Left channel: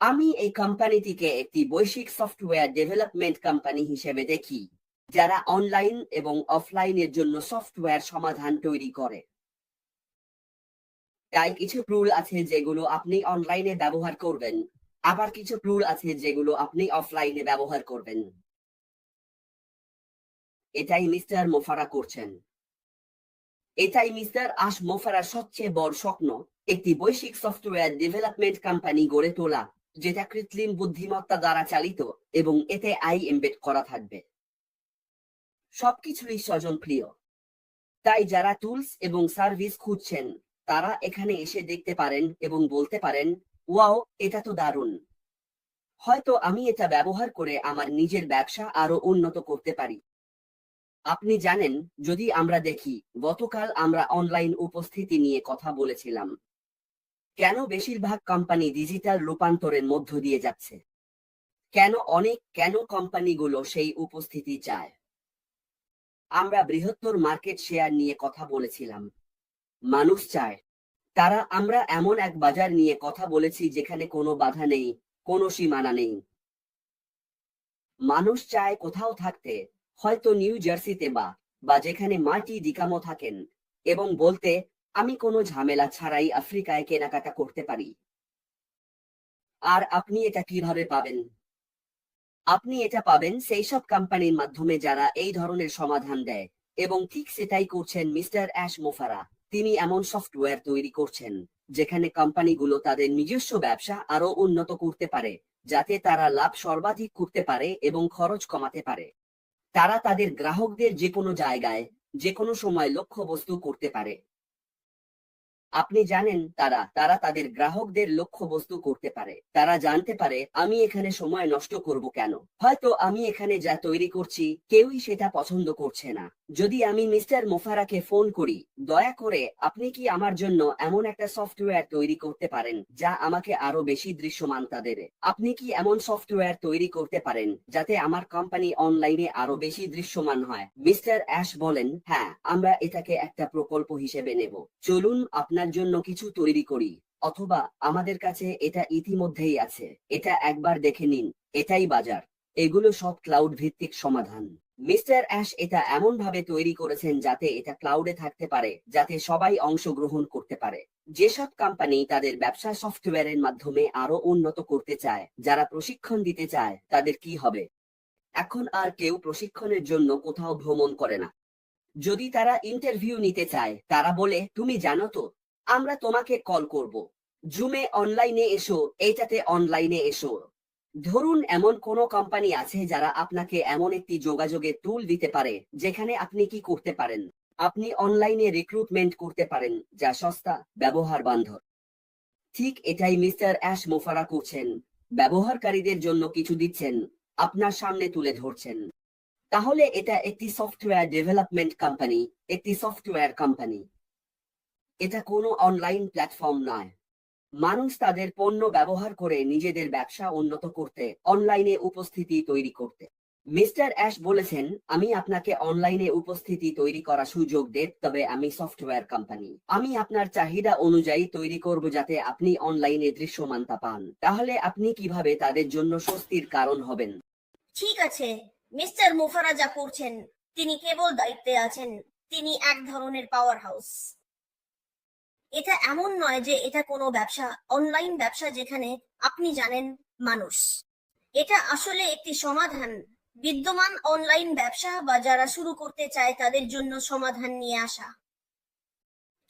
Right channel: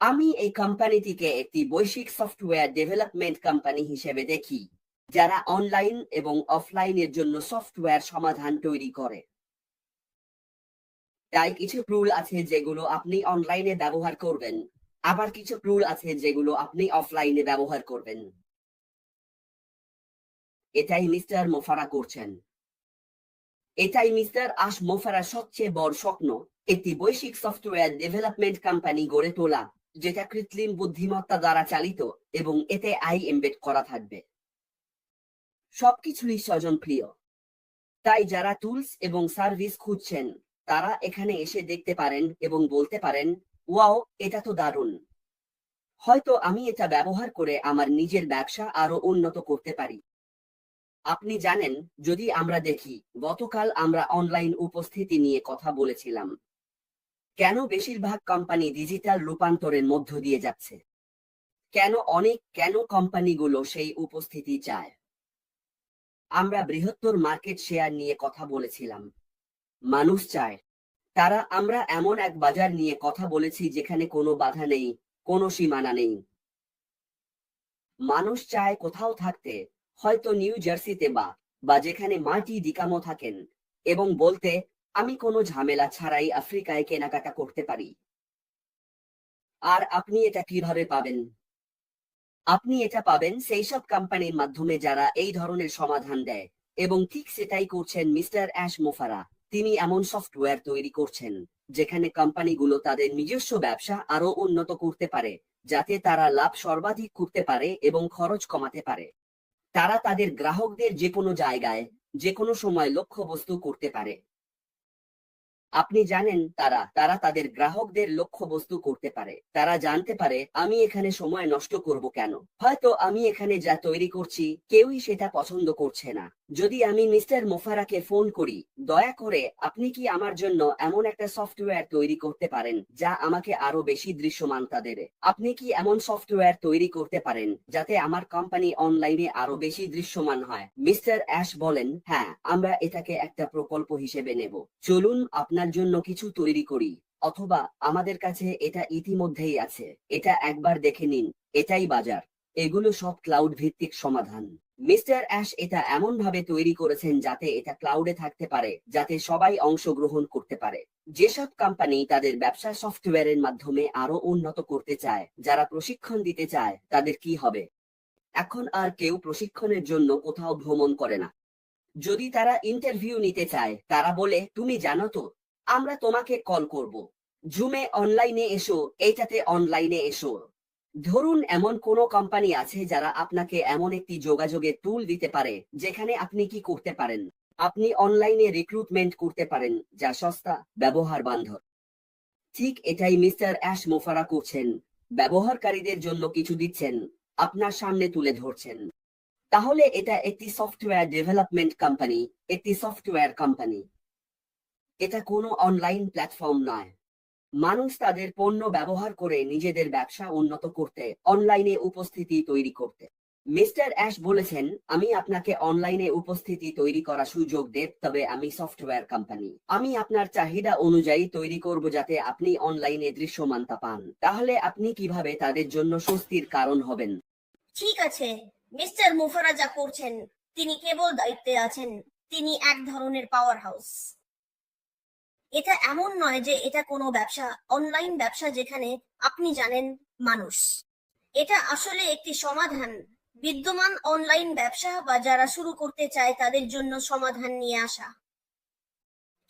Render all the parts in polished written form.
আমি এই কোম্পানিটিকে একটি বৈশ্বিক সফটওয়্যার ডেভেলপমেন্ট কোম্পানি হিসেবে দেখি, যারা অনলাইন এবং অফলাইনের জন্য সফটওয়্যার সমাধান তৈরি করে। তাই কিছু রুল আছে যেগুলো আপনি অনলাইনে ব্যবহার করবেন, আবার কিছু রুল আছে যেগুলো আপনি অফলাইনে ব্যবহার করবেন। এটাই মিস্টার মোফারা করছেন। এটাই মিস্টার আশ মোফারার সবচেয়ে বড় স্বপ্ন, একটি বৈশ্বিক সফটওয়্যার ডেভেলপমেন্ট কোম্পানি গড়ে তোলা, যেটা কৃত্রিম বুদ্ধিমত্তা দ্বারা চালিত এবং এতে আই এমবেড করা থাকবে। সবকিছুই স্বজনপ্রিয়। তাই যারা টুলস এবং সার্ভিস খুঁজছেন, তারা এখানে এসে দেখতে পারেন এবং বলতে পারেন, ওয়াও, এটা তো দারুণ। হয়তো আমি এটা ব্যবহার করে আমার নিজের ব্যবসা আরো উন্নত করতে পারি। আপনি জানেন, যদি আমরা দেখি, গতকাল আমরা অনলাইন উপস্থিতি নিয়ে কথা বলেছিলাম। কেন বেশিরভাগ কোম্পানি ডিজিটাল রূপান্তরের মধ্য দিয়ে যাচ্ছে? কেন কোম্পানিগুলো সেই উপস্থিতি চায়? আমরা বৃহত্তর মার্কেট শেয়ার নিয়ে কথা বলেছিলাম। মানুষ চায়। আমরা এমন এক বাজার নিয়ে কথা বলেছি যেখানে কোনো বাধা নেই, কোনো সীমানা নেই। মানুষ চায় কোথাও থাকতে, হয়তো নিউ জার্সিতে বা যেখানে মার্টি ডিকামো থাকেন, এবং বলতে, আমি কোনো ঝামেলা ছাড়াই আফ্রিকায় কেনাকাটা করতে পারি। আর আপনি এটা কিভাবে পাবেন? আপনি এটা পাবেন সেই সব কোম্পানির মাধ্যমে যারা এই ধরনের সমাধান দেয়, এবং ঠিক সেটাই করছেন মিস্টার অ্যাশ মোফারা। তিনি এমন সফটওয়্যার তৈরি করছেন যেখানে কোম্পানিগুলো তাদের নিজস্ব ব্যবসা আরো উন্নত করতে পারে, যাতে তারা লাভ সর্বাধিক করতে পারে এবং খরচ কমাতে পারে। তারা তাদের গ্রাহকদের যে কোনো জায়গায়, যে কোনো সময় লক্ষ্যবস্তু করতে পারে। আপনি জানেন, তারা তাদের গ্রাহকদের লক্ষ্যবস্তু করতে পারে। তারা জানতে পারে, আমি এখানে সময় নষ্ট করব কেন? হয়তো আমি এখানে যা তৈরি করছি কেউই সেটা পছন্দ করছে না। যদি আমি মিস্টার মোফারাকে ফোন করি, দয়া করে আপনি কি আমার জন্য এমন একটা সফটওয়্যার তৈরি করতে পারেন যা আমাকে আরো বেশি দৃশ্যমানতা দেবে? আপনি কি এমন সফটওয়্যার তৈরি করতে পারেন যাতে আমার কোম্পানি অনলাইনে আরো বেশি দৃশ্যমান হয়? মিস্টার অ্যাশ বলেন, হ্যাঁ, আমরা এটাকে একটা প্রকল্প হিসেবে নেব। চলুন আপনার জন্য কিছু তৈরি করি, অথবা আমাদের কাছে এটা ইতিমধ্যেই আছে, এটা একবার দেখে নিন। এটাই বাজার। এগুলো সব ক্লাউড ভিত্তিক সমাধান। মিস্টার অ্যাশ এটা এমন ভাবে তৈরি করেছেন যাতে এটা ক্লাউডে থাকতে পারে, যাতে সবাই অংশগ্রহণ করতে পারে। যেসব কোম্পানি তাদের ব্যবসা সফটওয়্যারের মাধ্যমে আরো উন্নত করতে চায়, যারা প্রশিক্ষণ দিতে চায়, তাদের কি হবে? এখন আর কেউ প্রশিক্ষণের জন্য কোথাও ভ্রমণ করে না। যদি তারা ইন্টারভিউ নিতে চায়, তারা বলে, তুমি জানো তো, আমরা তোমাকে কল করব, জুমে অনলাইনে এসো, এইটাতে অনলাইনে এসো। ধরুন এমন কোনো কোম্পানি আছে যারা আপনাকে এমন একটি যোগাযোগের টুল দিতে পারে যেখানে আপনি কি করতে পারেন? আপনি অনলাইনে রিক্রুটমেন্ট করতে পারেন, যা সস্তা, ব্যবহার বান্ধব। ঠিক এটাই মিস্টার অ্যাশ মোফারা করছেন। ব্যবহারকারীদের জন্য কিছু দিচ্ছেন, আপনার সামনে তুলে ধরছেন। তাহলে এটা একটি সফটওয়্যার ডেভেলপমেন্ট কোম্পানি, একটি সফটওয়্যার কোম্পানি। এটা কোনো অনলাইন প্ল্যাটফর্ম নয়। মানুষ তাদের পণ্য ব্যবহার করে নিজেদের ব্যবসা উন্নত করতে, অনলাইনে উপস্থিতি তৈরি করতে। মিস্টার অ্যাশ বলেছেন, আমি আপনাকে অনলাইনে উপস্থিতি তৈরি করার সুযোগ দেব, তবে আমি সফটওয়্যার কোম্পানি। আমি আপনার চাহিদা অনুযায়ী তৈরি করব যাতে আপনি অনলাইনে দৃশ্যমানতা পান। তাহলে আপনি কিভাবে তাদের জন্য স্বস্তির কারণ হবেন? ঠিক আছে, মিস্টার মুফারা যা করছেন, তিনি কেবল দায়িত্বে আছেন। তিনি এক ধরনের পাওয়ার হাউস। এটা এমন নয় যে এটা কোনো ব্যবসা, অনলাইন ব্যবসা যেখানে আপনি জানেন মানুষ। এটা আসলে একটি সমাধান, বিদ্যমান অনলাইন ব্যবসা বা যারা শুরু করতে চায় তাদের জন্য সমাধান নিয়ে আসা।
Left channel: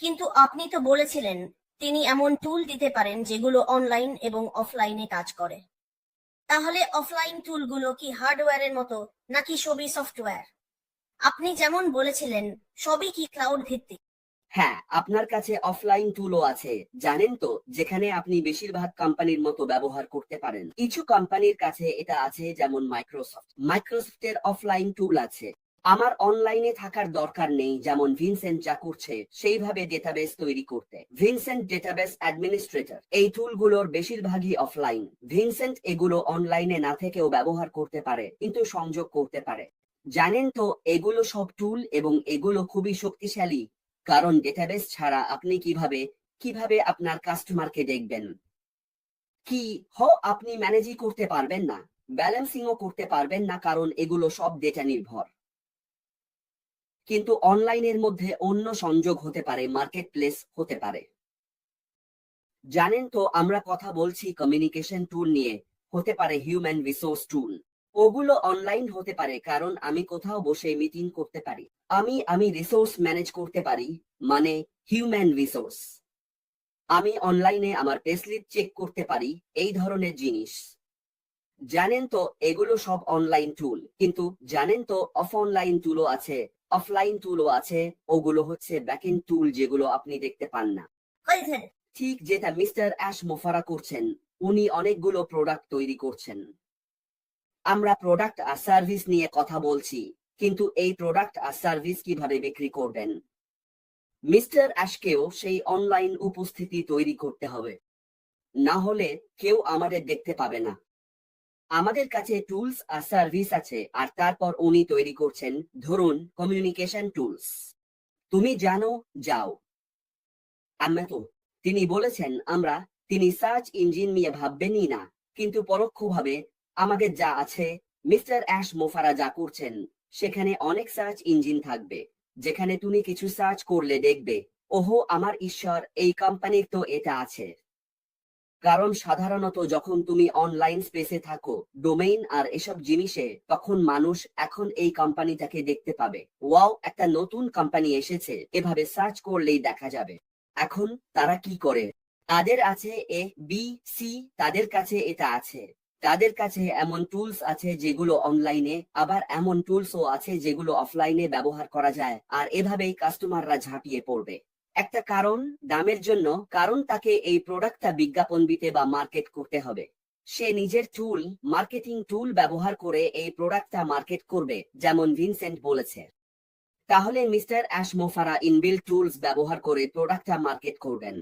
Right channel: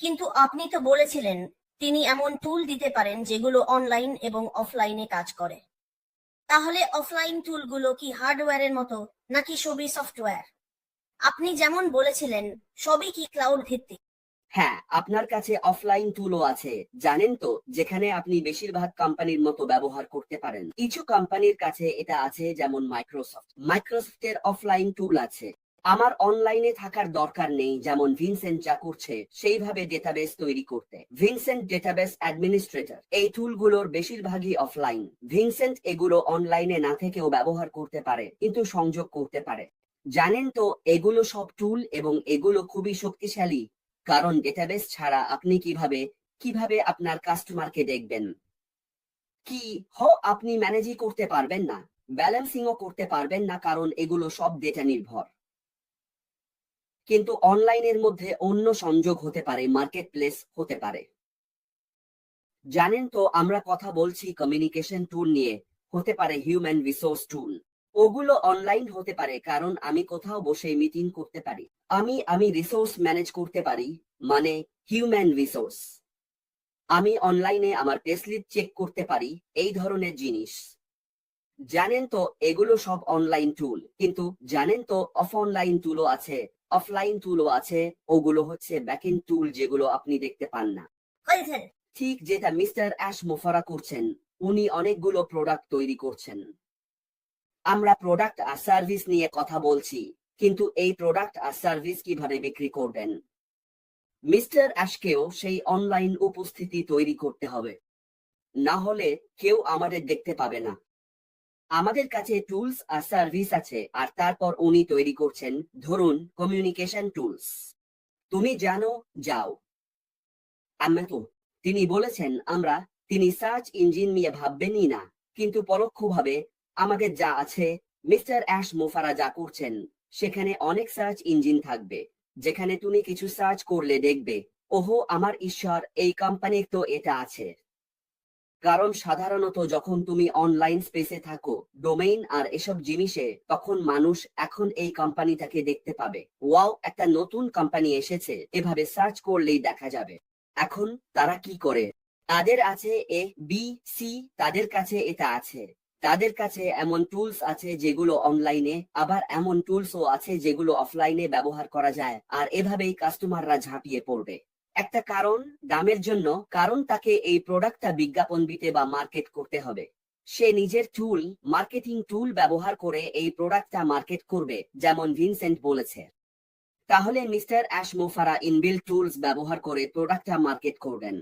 কিন্তু আপনি তো বলেছিলেন তিনি এমন টুল দিতে পারেন যেগুলো অনলাইন এবং অফলাইনে কাজ করে। তাহলে অফলাইন টুলগুলো কি হার্ডওয়্যারের মতো, নাকি সবই সফটওয়্যার? আপনি যেমন বলেছিলেন, সবই কি ক্লাউড ভিত্তিক? হ্যাঁ, আপনার কাছে অফলাইন টুলও আছে, জানেন তো, যেখানে আপনি বেশিরভাগ কোম্পানির মতো ব্যবহার করতে পারেন। কিছু কোম্পানির কাছে এটা আছে, যেমন মাইক্রোসফটের অফলাইন টুল আছে। আমার অনলাইনে থাকার দরকার নেই, যেমন ভিনসেন্ট যা করছে সেইভাবে ডেটাবেস তৈরি করতে। Vincent database administrator. এই টুলগুলোর বেশিরভাগই অফলাইন। ভিনসেন্ট এগুলো অনলাইনে না থেকেও ব্যবহার করতে পারে, কিন্তু সংযোগ করতে পারে। জানেন তো, এগুলো সব টুল এবং এগুলো খুবই শক্তিশালী, কারণ ডেটাবেস ছাড়া আপনি কিভাবে আপনার কাস্টমারকে দেখবেন? কি আপনি ম্যানেজই করতে পারবেন না, ব্যালেন্সিংও করতে পারবেন না, কারণ এগুলো সব ডেটা নির্ভর। কিন্তু অনলাইনের মধ্যে অন্য সংযোগ হতে পারে, মার্কেট প্লেস হতে পারে। জানেন তো, আমরা কথা বলছি কমিউনিকেশন টুল নিয়ে, হতে পারে হিউম্যান রিসোর্স টুল। ওগুলো অনলাইন হতে পারে, কারণ আমি কোথাও বসে মিটিং করতে পারি। আমি রিসোর্স ম্যানেজ করতে পারি, মানে হিউম্যান রিসোর্স। আমি অনলাইনে আমার পেস্লিপ চেক করতে পারি, এই ধরনের জিনিস। জানেন তো, এগুলো সব অনলাইন টুল। কিন্তু জানেন তো, অনলাইন টুলও আছে, অফলাইন টুলও আছে। ওগুলো হচ্ছে ব্যাকএন্ড টুল, যেগুলো আপনি দেখতে পান না। করেছেন। ঠিক যেটা মিস্টার অ্যাশ মোফারা করছেন। উনি অনেকগুলো প্রোডাক্ট তৈরি করছেন। আমরা প্রোডাক্ট আর সার্ভিস নিয়ে কথা বলছি, কিন্তু এই প্রোডাক্ট আর সার্ভিস কিভাবে বিক্রি করবেন? মিস্টার অ্যাশকেও সেই অনলাইন উপস্থিতি তৈরি করতে হবে, না হলে কেউ আমাদের দেখতে পাবে না। আমাদের কাছে টুলস আর সার্ভিস আছে, আর তারপর উনি তৈরি করছেন, ধরুন কমিউনিকেশন টুলস। তুমি জানো, যাও। আমরা তো, তিনি বলেছেন তিনি সার্চ ইঞ্জিন নিয়ে ভাববেনই না, কিন্তু পরোক্ষভাবে আমাদের যা আছে, মিস্টার অ্যাশ মোফারা যা করছেন, সেখানে অনেক সার্চ ইঞ্জিন থাকবে, যেখানে তুমি কিছু সার্চ করলে দেখবে, ওহো আমার ঈশ্বর, এই কোম্পানির তো এটা আছে। কারণ সাধারণত যখন তুমি অনলাইন স্পেসে থাকো, ডোমেইন আর এসব জিনিসে, তখন মানুষ এখন এই কোম্পানিটাকে দেখতে পাবে। ওয়াও, একটা নতুন কোম্পানি এসেছে, এভাবে সার্চ করলেই দেখা যাবে। এখন তারা কি করে? তাদের আছে এ বি সি, তাদের কাছে এটা আছে। তাদের কাছে এমন টুলস আছে যেগুলো অনলাইনে, আবার এমন টুলসও আছে যেগুলো অফলাইনে ব্যবহার করা যায়, আর এভাবেই কাস্টমাররা ঝাঁপিয়ে পড়বে। একটা কারণ, দামের জন্য, কারণ তাকে এই প্রোডাক্টটা বিজ্ঞাপন দিতে বা মার্কেট করতে হবে। সে নিজের টুল, মার্কেটিং টুল ব্যবহার করে এই প্রোডাক্টটা মার্কেট করবে, যেমন ভিনসেন্ট বলেছে। তাহলে মিস্টার অ্যাশ মোফারা ইনবিল্ট টুলস ব্যবহার করে প্রোডাক্টটা মার্কেট করবেন।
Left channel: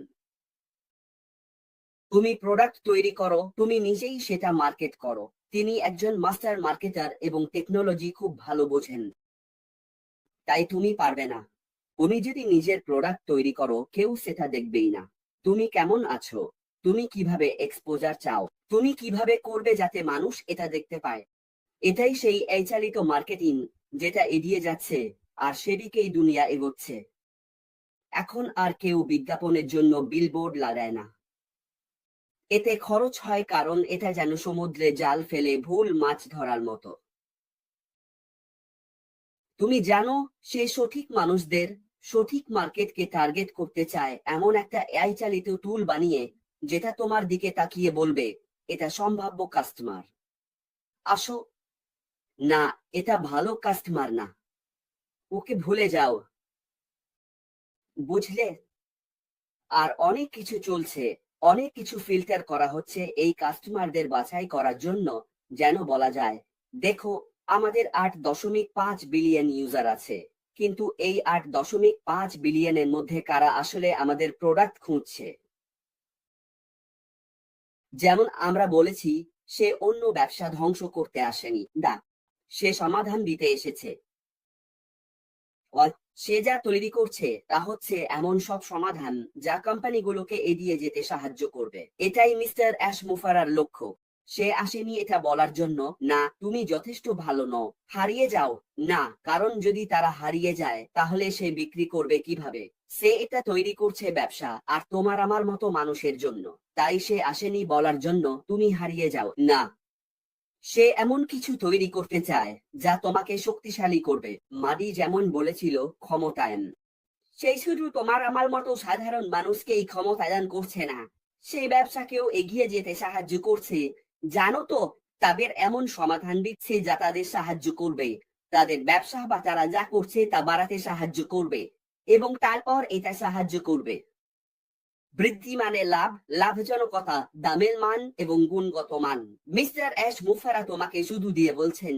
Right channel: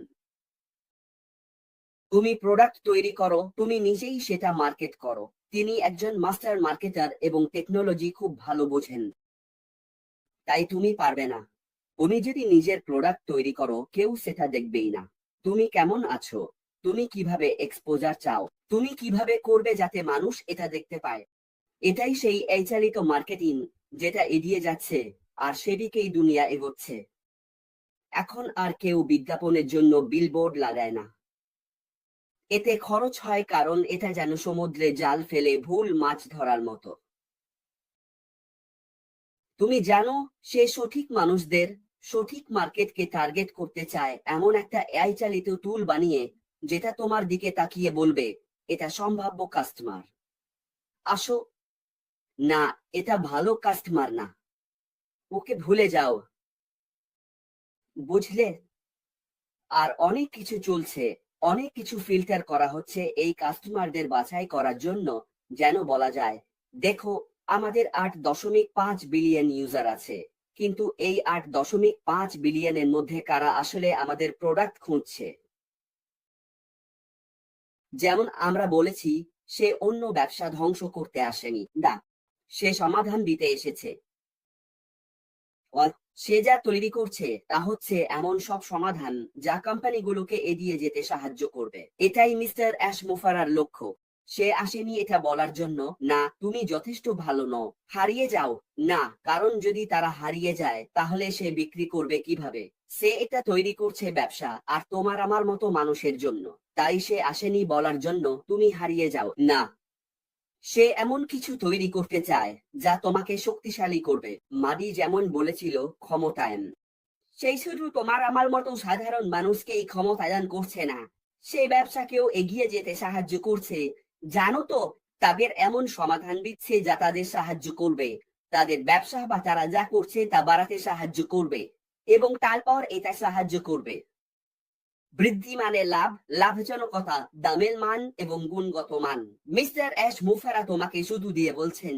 তুমি প্রোডাক্ট তৈরি করো, তুমি নিজেই সেটা মার্কেট করো। তিনি একজন মাস্টার মার্কেটার এবং টেকনোলজি খুব ভালো বোঝেন। তাই তুমি পারবে না। তুমি যদি নিজের প্রোডাক্ট তৈরি করো, কেউ সেটা দেখবেই না। তুমি কেমন আছো, তুমি কিভাবে এক্সপোজার চাও, তুমি কিভাবে করবে যাতে মানুষ এটা দেখতে পায়। এটাই সেই চালিত মার্কেটিং, যেটা এগিয়ে যাচ্ছে, আর সেদিকেই দুনিয়া এগোচ্ছে। এখন আর কেউ বিজ্ঞাপনের জন্য বিলবোর্ড লাগায় না। এতে খরচ হয়, কারণ এটা যেন সমুদ্রে জাল ফেলে ভুল মাছ ধরার মতো। তুমি জানো, সে সঠিক মানুষদের, সঠিক মার্কেটকে টার্গেট করতে চায় এমন একটা এআই চালিত টুল বানিয়ে, যেটা তোমার দিকে তাকিয়ে বলবে, এটা সম্ভাব্য কাস্টমার, আসো। না, এটা ভালো কাস্টমার না, ওকে ভুলে যাও। বুঝলে? আর অনেক কিছু চলছে, অনেক কিছু ফিল্টার করা হচ্ছে এই কাস্টমারদের বাছাই করার জন্য, যেন বলা যায়, দেখো, আমাদের 8.5 বিলিয়ন ইউজার আছে, কিন্তু এই 8.5 বিলিয়নের মধ্যে কারা আসলে আমাদের প্রোডাক্ট খুঁজছে। যেমন আমরা বলেছি, সে অন্য ব্যবসা ধ্বংস করতে আসেনি, না, সে সমাধান দিতে এসেছে। সে যা তৈরি করছে তা হচ্ছে এমন সব সমাধান যা কোম্পানিগুলোকে এগিয়ে যেতে সাহায্য করবে। এটাই মিস্টার অ্যাশ মোফারার লক্ষ্য। সে আসেনি এটা বলার জন্য, না তুমি যথেষ্ট ভালো নও, হারিয়ে যাও। না, কারণ যদি তারা হারিয়ে যায়, তাহলে সে বিক্রি করবে কিভাবে? সে এটা তৈরি করছে ব্যবসা আর তোমার আমার মতো মানুষের জন্য। তাই সে আসেনি বলার জন্য তুমি হারিয়ে যাও, না। সে এমন কিছু তৈরি করতে চায় যা তোমাকে শক্তিশালী করবে। মাদি যেমন বলেছিল, ক্ষমতায়ন। সেই শুধু তোমার আমার মতো সাধারণ মানুষকেই ক্ষমতায়ন করছে না, সেই ব্যবসাকেও এগিয়ে যেতে সাহায্য করছে। জানো তো, তাদের এমন সমাধান দিচ্ছে যা তাদের সাহায্য করবে, তাদের ব্যবসা বা তারা যা করছে তা বাড়াতে সাহায্য করবে, এবং তারপর এটা সাহায্য করবে বৃদ্ধি, মানে লাভ, লাভজনকতা, দামের মান এবং গুণগত মান। মিস্টার অ্যাশ মুফারা তোমাকে শুধু দিয়ে বলছেন,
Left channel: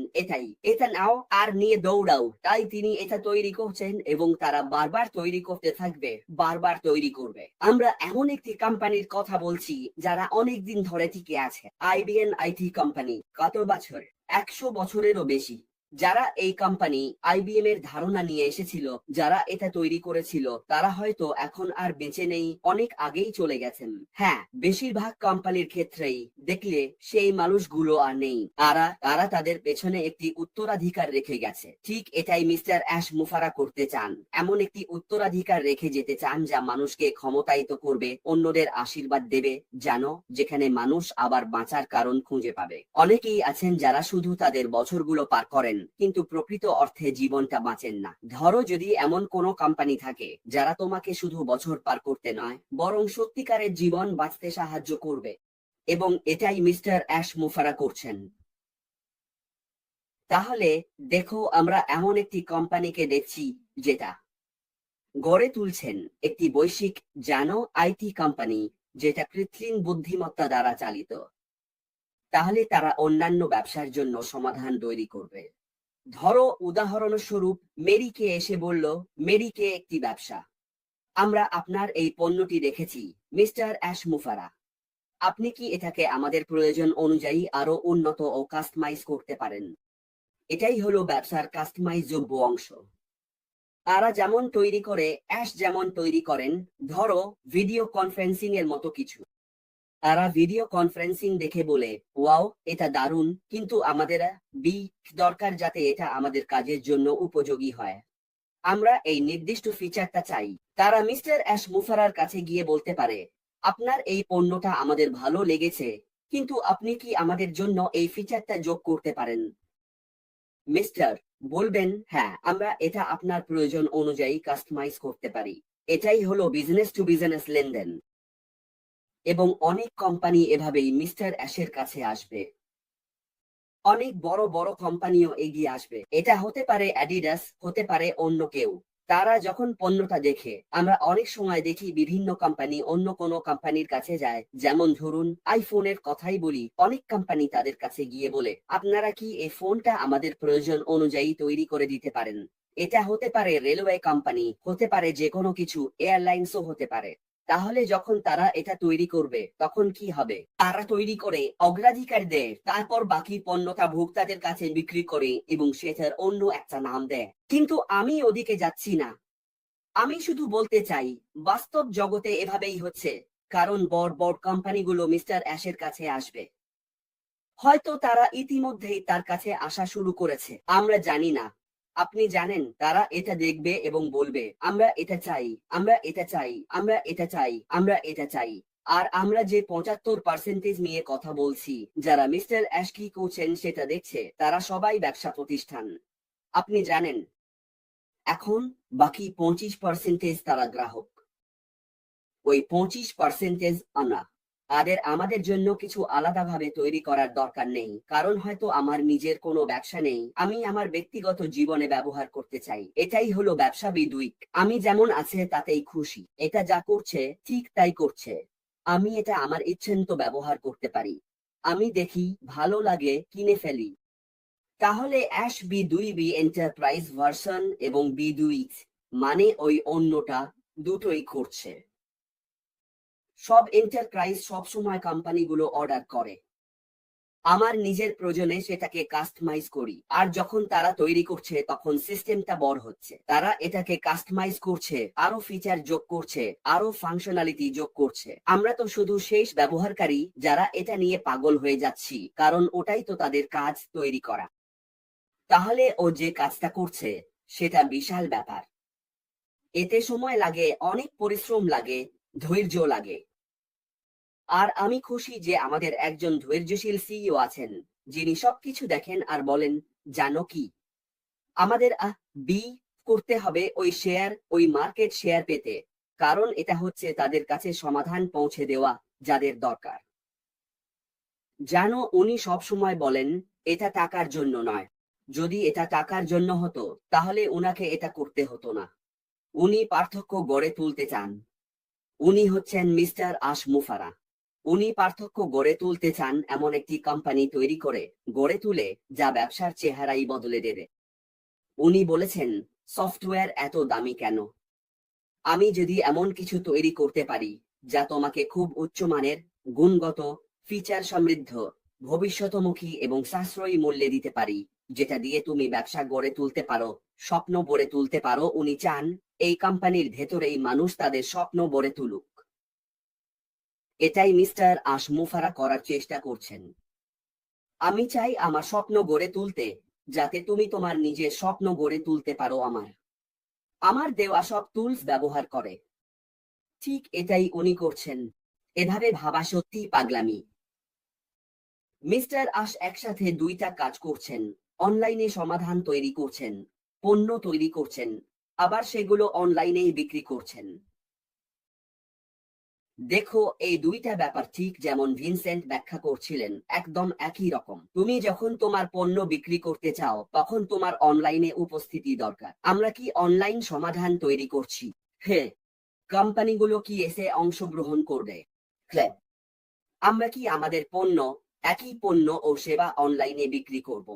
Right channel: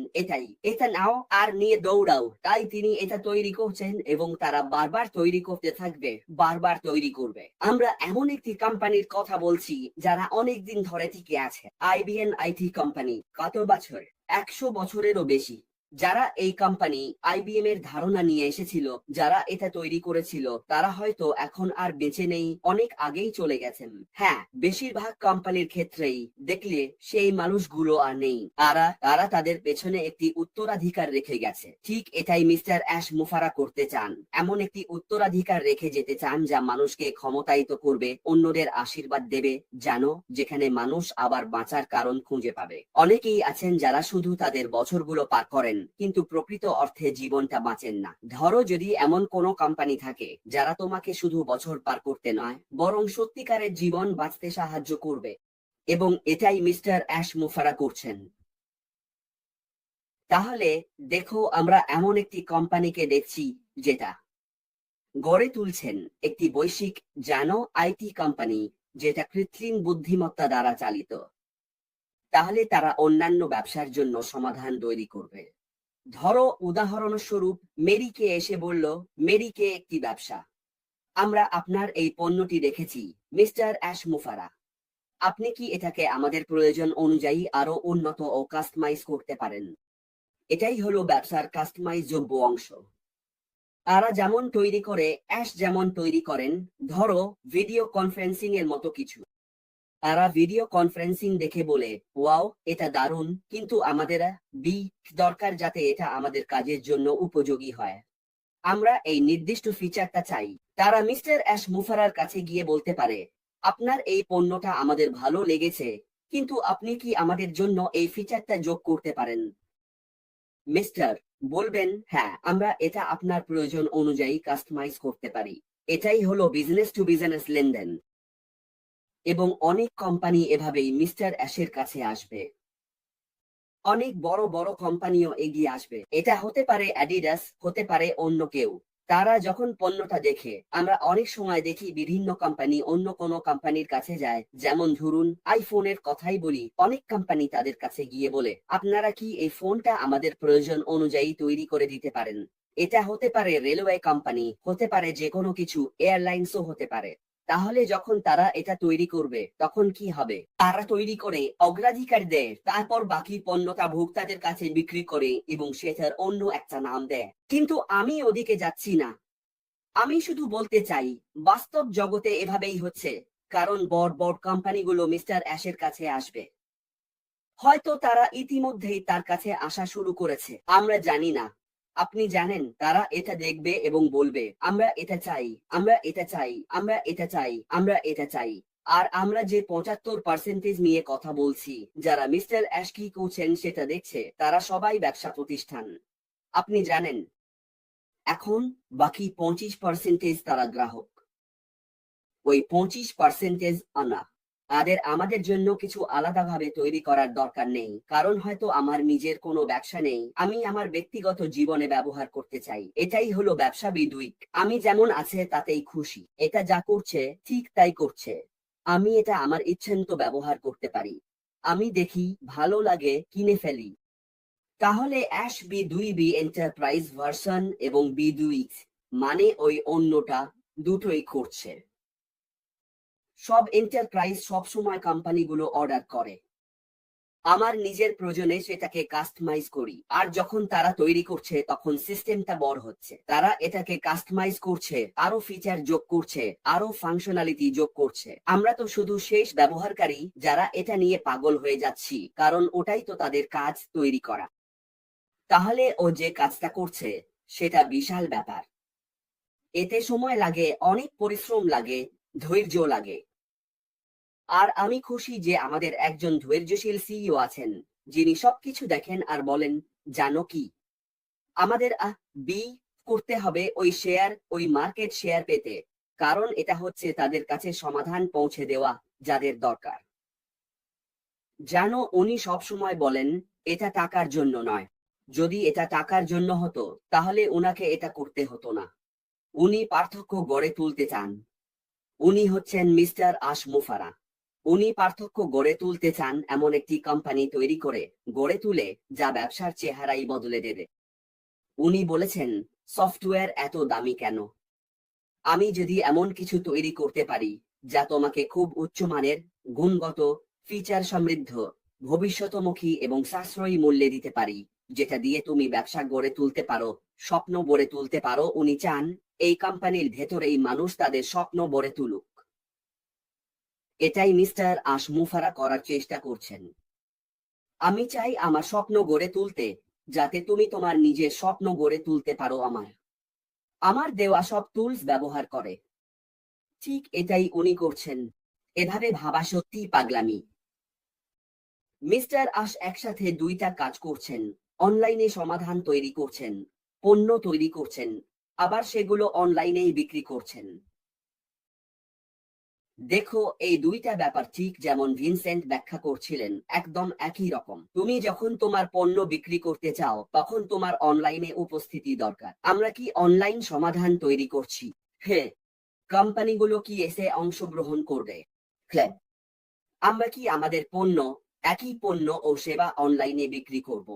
এটা নাও আর নিয়ে দৌড়াও। তাই তিনি এটা তৈরি করছেন এবং তারা বারবার তৈরি করতে থাকবে, বারবার তৈরি করবে। আমরা এমন একটি কোম্পানির কথা বলছি যারা অনেক দিন ধরে টিকে আছে, আইবিএন আইটি কোম্পানি। কত বছর? 100 বছরেরও বেশি। যারা এই কোম্পানি আইবিএম এর ধারণা নিয়ে এসেছিল, যারা এটা তৈরি করেছিল, তারা হয়তো এখন আর বেঁচে নেই, অনেক আগেই চলে গেছেন। হ্যাঁ, বেশিরভাগ কোম্পানির ক্ষেত্রেই দেখলে সেই মানুষগুলো আর নেই। তারা তাদের পেছনে একটি উত্তরাধিকার রেখে গেছে। ঠিক এটাই মিস্টার অ্যাশ মুফারা করতে চান। এমন একটি উত্তরাধিকার রেখে যেতে চান যা মানুষকে ক্ষমতায়িত করবে, অন্যদের আশীর্বাদ দেবে, জানো, যেখানে মানুষ আবার বাঁচার কারণ খুঁজে পাবে। অনেকেই আছেন যারা শুধু তাদের বছরগুলো পার করেন কিন্তু প্রকৃত অর্থে জীবনটা বাঁচেন না। ধরো, যদি এমন কোনো কোম্পানি থাকে যারা তোমাকে শুধু বছর পার করতে নয়, বরং সত্যিকারের জীবন বাঁচতে সাহায্য করবে, এবং এটাই মিস্টার অ্যাশ মুফারা করছেন। তাহলে দেখো, আমরা এমন একটি কোম্পানিকে দেখছি যেটা গড়ে তুলছেন একটি বৈশ্বিক, জানো, আইটি কোম্পানি, যেটা কৃত্রিম বুদ্ধিমত্তা দ্বারা চালিত। তাহলে তারা অন্যান্য ব্যবসার জন্য সমাধান তৈরি করবে। ধরো, উদাহরণস্বরূপ, মেরিকে এসে বলল, মেরিকে একটি ব্যবসা। আমরা আপনার এই পণ্যটি দেখেছি মিস্টার অ্যাশ মুফারা। আপনি কি এটাকে আমাদের প্রয়োজন অনুযায়ী আরো উন্নত ও কাস্টমাইজ করতে পারেন? এটাই হলো ব্যবসার কাস্টমাইজযোগ্য অংশ। তারা যেমন তৈরি করে, অ্যাশ যেমন তৈরি করেন, ধরো ভিডিও কনফারেন্সিং এর মতো কিছু। তারা ভিডিও কনফারেন্সিং দেখে বলে, ওয়াও, এটা দারুণ, কিন্তু আমাদের বি দরকার যাতে এটা আমাদের কাজের জন্য উপযোগী হয়। আমরা এই নির্দিষ্ট ফিচারটা চাই। তারা মিস্টার অ্যাশ মুফারার কাছে গিয়ে বলতে পারে, আপনার এই পণ্যটা আমাদের ভালো লেগেছে, কিন্তু আপনি কি আমাদের জন্য এই ফিচারটা যোগ করতে পারেন? মিস্টার বলবেন, হ্যাঁ, আমরা এটা আপনার প্রয়োজন অনুযায়ী কাস্টমাইজ করতে পারি। এটাই হলো বিজনেস টু বিজনেস লেনদেন। এবং অনেক কোম্পানি এভাবেই মিস্টার অ্যাশের কাছে আসবে। অনেক বড় বড় কোম্পানিও এগিয়ে আসবে। এটা হতে পারে অ্যাডিডাস, হতে পারে অন্য কেউ। তারা যখন পণ্যটা দেখে, আমরা অনেক সময় দেখি বিভিন্ন কোম্পানি অন্য কোনো কোম্পানির কাছে যায়। যেমন ধরুন, আইফোনের কথাই বলি, অনেক কোম্পানি তাদের কাছে গিয়ে বলে, আপনারা কি এই ফোনটা আমাদের প্রয়োজন অনুযায়ী তৈরি করে দিতে পারেন? এটা হতে পারে রেলওয়ে কোম্পানি, হতে পারে যে কোনো কিছু, এয়ারলাইন্সও হতে পারে। তাহলে যখন তারা এটা তৈরি করবে তখন কি হবে? তারা তৈরি করে অগ্রাধিকার দেয়, তারপর বাকি পণ্যটা ভোক্তাদের কাছে বিক্রি করে এবং সেটার অন্য একটা নাম দেয়। কিন্তু আমি ওদিকে যাচ্ছি না। আমি শুধু বলতে চাই, বাস্তব জগতে এভাবেই হচ্ছে। কারণ বড় বড় কোম্পানিগুলো মিস্টার অ্যাশের কাছে আসবে। হয়তো তারা ইতিমধ্যেই তার কাছে আসা শুরু করেছে, আমরা জানি না। আপনি জানেন, তারা এটা দেখবে এবং বলবে, আমরা এটা চাই, আমরা এটা চাই, আমরা এটা চাই, আমরা এটা চাই। আর আমরা যে 75% নিয়ে কথা বলছি, যারা মিস্টার অ্যাশ কি করছেন সেটা দেখছে, তারা সবাই ব্যবসা প্রতিষ্ঠান। আপনি জানেন, এখন বাকি 25% তারা গ্রাহক। ওই 25% আনা। আমাদের জন্য কিছু আলাদাভাবে তৈরি করার দরকার নেই, কারণ হয়তো আমার নিজের কোনো ব্যবসা নেই, আমি আমার ব্যক্তিগত জীবনে ব্যবহার করতে চাই। এটাই হলো ব্যবসা বিদুইক। আমি যেমন আছে তাতেই খুশি। এটা যা করছে ঠিক তাই করছে। আমি এটা আমার ইচ্ছেমতো ব্যবহার করতে পারি। আমি দেখি ভালো লাগে, কিনে ফেলি। তাহলে অ্যাশ বি এন্টারপ্রাইজ ভার্সন এবং বিদুইক মানে ওই অন্যটা দুটোই করছে। সব এন্টারপ্রাইজ সবসময় কোম্পানিগুলো অর্ডার করে। আমার নিজের প্রয়োজনে সেটাকে কাস্টমাইজ করি, আর যখন তারা তৈরি করছে তখন সিস্টেমটা বড় হচ্ছে। তারা এটাকে কাস্টমাইজ করছে, আরো ফিচার যোগ করছে, আরো ফাংশনালিটি যোগ করছে। আমরা তো শুধু শেষ ব্যবহারকারী যারা এটা নিয়ে পাগল হয়ে যাচ্ছি, কারণ ওটাই তো তাদের কাজ, তৈরি করা। তাহলে ও যে কাজটা করছে সেটা বিশাল ব্যাপার। এতে সময় লাগে, অনেক পরিশ্রম লাগে, ধৈর্য লাগে। আর আমি খুশি যে আমাদের একজন ধৈর্যশীল সিইও আছেন, যিনি সবকিছু দেখেন আর বলেন, জানো কি, আমাদের বি করতে হবে ওই শেয়ার, ওই মার্কেট শেয়ার পেতে। কারণ এটা হচ্ছে তাদের কাছে সমাধান পৌঁছে দেওয়া যাদের দরকার। জানো, উনি সব সময় বলেন, এটা টাকার জন্য নয়। যদি এটা টাকার জন্য হতো তাহলে উনাকে এটা করতে হতো না। উনি পার্থক্য গড়ে তুলতে চান। উনি হচ্ছেন মিস্টার আশ মুফারা। উনি পার্থক্য গড়ে তুলতে চান, এমন একটি কোম্পানি তৈরি করে গড়ে তুলে যা ব্যবসার চেহারাই বদলে দেবে। উনি বলেছেন, সফটওয়্যার এত দামি কেন? আমি যদি এমন কিছু তৈরি করতে পারি যা তোমাকে খুব উচ্চমানের, গুণগত, ফিচার সমৃদ্ধ, ভবিষ্যৎমুখী এবং সাশ্রয়ী মূল্যে দিতে পারি, যেটা দিয়ে তুমি ব্যবসা গড়ে তুলতে পারো, স্বপ্ন গড়ে তুলতে পারো। উনি চান এই কোম্পানির ভেতরেই মানুষ তাদের স্বপ্ন গড়ে তুলুক। এটাই মিস্টার আশমুফারা করার চেষ্টা করছেন। আমি চাই আমার স্বপ্ন গড়ে তুলতে, যাতে তুমি তোমার নিজের স্বপ্ন গড়ে তুলতে পারো আমার দেওয়া সব টুলস ব্যবহার করে। ঠিক এটাই উনি করছেন। এভাবে ভাবা সত্যিই পাগলামি। মিস্টার আশ একসাথে দুইটা কাজ করছেন। অনলাইনে সমাধান তৈরি করছেন, পণ্য তৈরি করছেন, আবার সেগুলো অনলাইনেই বিক্রি করছেন। দেখো, এই দুইটা ব্যাপার ঠিক যেমন ভিনসেন্ট ব্যাখ্যা করছিলেন, একদম একই রকম। তুমি যখন তোমার পণ্য বিক্রি করতে চাও, তখন তোমার অনলাইনে উপস্থিতি দরকার। আমরা কি অনলাইন সমাধান তৈরি করছি? হ্যাঁ। কোম্পানিগুলো কি এসে অংশগ্রহণ করবে? হ্যাঁ। আমরা কি আমাদের পণ্য, একই পণ্য ও সেবা অনলাইনে বিক্রি করব?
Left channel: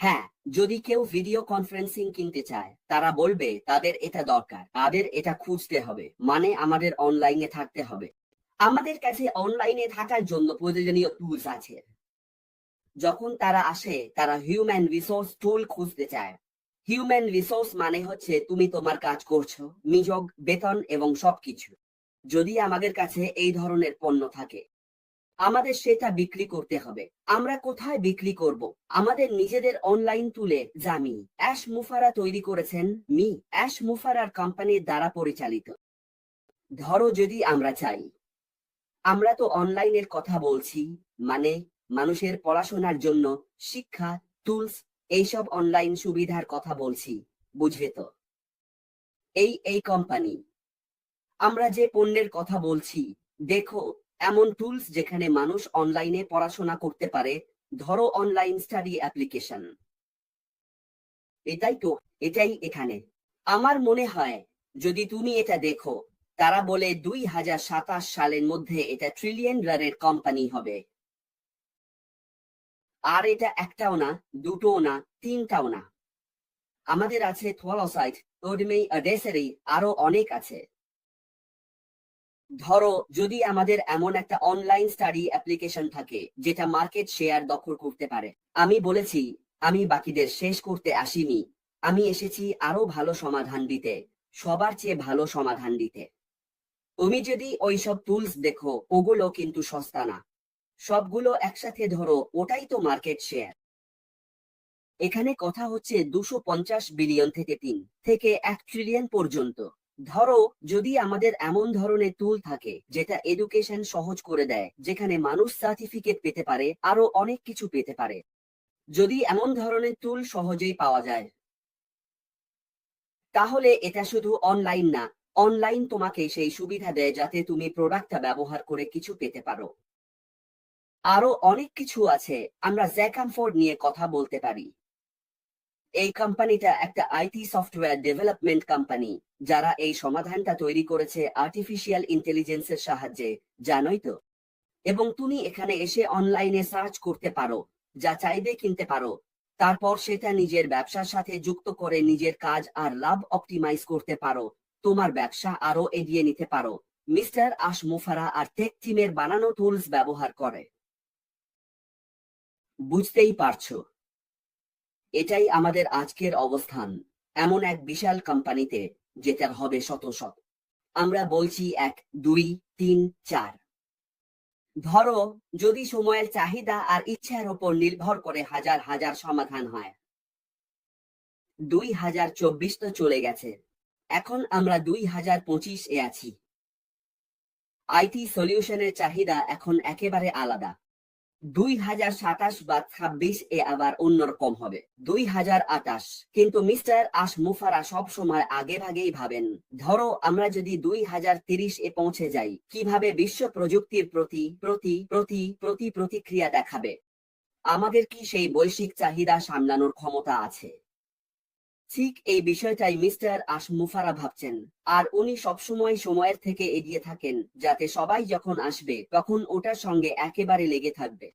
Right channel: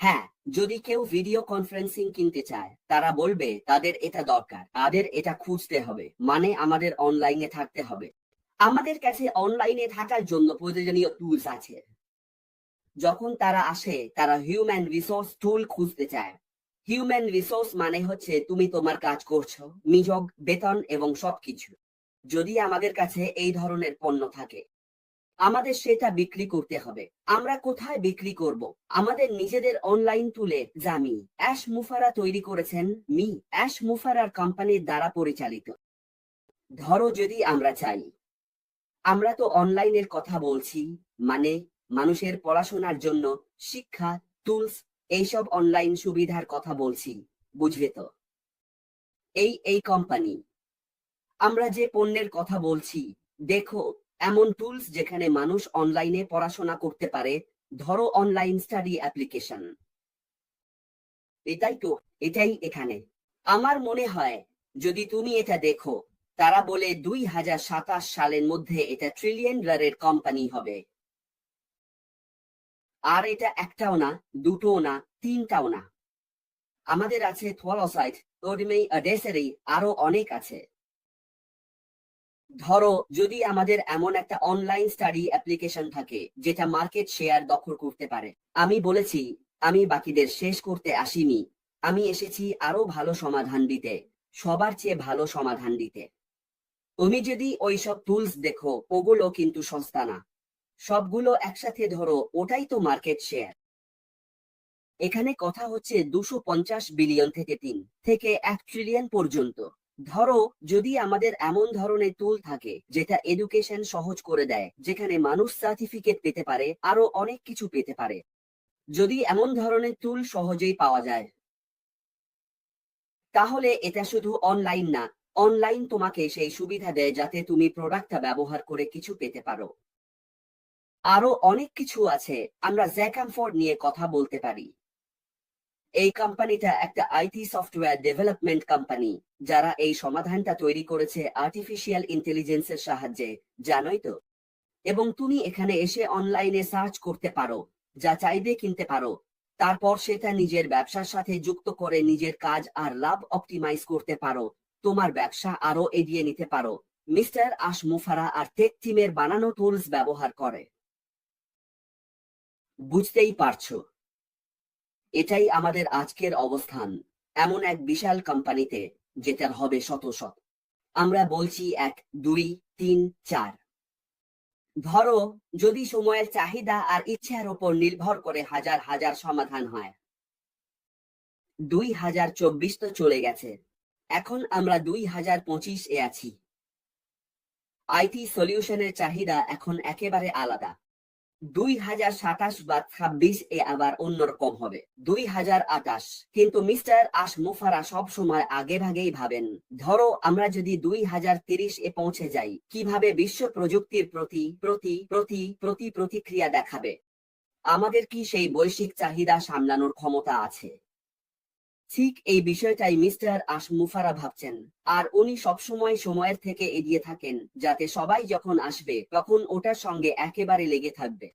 হ্যাঁ। যদি কেউ ভিডিও কনফারেন্সিং কিনতে চায়, তারা বলবে তাদের এটা দরকার, তাদের এটা খুঁজতে হবে, মানে আমাদের অনলাইনে থাকতে হবে। আমাদের কাছে অনলাইনে থাকার জন্য প্রয়োজনীয় টুলস আছে। যখন তারা আসে, তারা হিউম্যান রিসোর্স টুল খুঁজতে চায়। হিউম্যান রিসোর্স মানে হচ্ছে তুমি তোমার কাজ করছো, নিয়োগ, বেতন এবং সবকিছু। যদি আমাদের কাছে এই ধরনের পণ্য থাকে, আমাদের সেটা বিক্রি করতে হবে। আমরা কোথায় বিক্রি করব? আমাদের নিজেদের অনলাইন টুলে, যা অ্যাশ মুফারা তৈরি করেছেন। অ্যাশ মুফারার কোম্পানির দ্বারা পরিচালিত। ধরো, যদি আমরা চাই, আমরা তো অনলাইনের কথা বলছি, মানে মানুষের পড়াশোনার জন্য শিক্ষা, টুলস, এইসব অনলাইন সুবিধার কথা বলছি, বুঝবে তো? এই কোম্পানি, আমরা যে পণ্যের কথা বলছি, দেখো, এমন টুলস যেখানে মানুষ অনলাইনে পড়াশোনা করতে পারে। ধরো অনলাইন স্টাডি অ্যাপ্লিকেশন। এটাই এখানে। আমার মনে হয়, যদি তুমি এটা দেখো, তারা বলে 2027 সালের মধ্যে এটা ট্রিলিয়ন ডলারের কোম্পানি হবে। আর এটা একটাও না, দুটোও না, তিনটাও না। আমাদের আছে থলসাইট, তোডমেই, আডেসেরি, আরো অনেক আছে। ধরো, যদি আমাদের এমন একটা অনলাইন স্টাডি অ্যাপ্লিকেশন থাকে যেটা মার্কেট শেয়ার দখল করতে পারে। আমি বলেছি, আমি বাকিদের শেষ করতে আসিনি, আমি এসেছি আরো ভালো সমাধান দিতে, সবার চেয়ে ভালো সমাধান দিতে। তুমি যদি ওইসব টুলস দেখো, ওগুলো কিন্তু সস্তা না। সবগুলো একসাথে ধরো, ওটাই তো মার্কেট শেয়ার। এখানে কথা হচ্ছে 250 বিলিয়ন থেকে 1 ট্রিলিয়ন পর্যন্ত। ধরো, যদি আমাদের এমন ধরনের টুল থাকে যেটা এডুকেশন সহজ করে দেয়, যেখানে মানুষ সার্টিফিকেট পেতে পারে, আরো অনেক কিছু পেতে পারে। যদি এমন ধরনের টুল সহজেই পাওয়া যায়, তাহলে এটা শুধু অনলাইন না, অনলাইন তোমাকে সেই সুবিধা দেয় যাতে তুমি প্রোডাক্টটা ব্যবহার করে কিছু পেতে পারো। আরো অনেক কিছু আছে। আমরা জ্যাকামফোর্ড নিয়ে কথা বলতে পারি। এই কোম্পানিটা একটা আইটি সফটওয়্যার ডেভেলপমেন্ট কোম্পানি, যারা এই সমাধানটা তৈরি করেছে আর্টিফিশিয়াল ইন্টেলিজেন্সের সাহায্যে, জানোই তো। এবং তুমি এখানে এসে অনলাইনে সার্চ করতে পারো, যা চাইবে কিনতে পারো, তারপর সেটা নিজের ব্যবসার সাথে যুক্ত করে নিজের কাজ আর লাভ অপটিমাইজ করতে পারো, তোমার ব্যবসা আরো এগিয়ে নিতে পারো। মিস্টার আশমুফারা আর টেক টিমের বানানো টুলস ব্যবহার করে। বুঝতেই পারছো, এটাই আমাদের আজকের অবস্থান, এমন এক বিশাল কোম্পানিতে, যেটার হবে শত শত। আমরা বলছি 1, 2, 3, 4। ধরো, যদি সময়ের চাহিদা আর ইচ্ছার উপর নির্ভর করে হাজার হাজার সমাধান হয়। 2024 তো চলে গেছে, এখন আমরা 2025 এ আছি। আইটি সলিউশনের চাহিদা এখন একেবারে আলাদা। 2027 বা 26 এ আবার অন্যরকম হবে। 2028। কিন্তু মিস্টার আশমুফারা সব সময় আগে ভাগেই ভাবেন। ধরো, আমরা যদি 2030 এ পৌঁছে যাই, কিভাবে বিশ্ব প্রযুক্তির প্রতি প্রতিক্রিয়া দেখাবে? আমাদের কি সেই বৈশ্বিক চাহিদা সামলানোর ক্ষমতা আছে? ঠিক এই বিষয়টাই মিস্টার আশমুফারা ভাবছেন। আর উনি সবসময় সময়ের থেকে এগিয়ে থাকেন, যাতে সবাই যখন আসবে তখন ওটার সঙ্গে একেবারে লেগে থাকবে।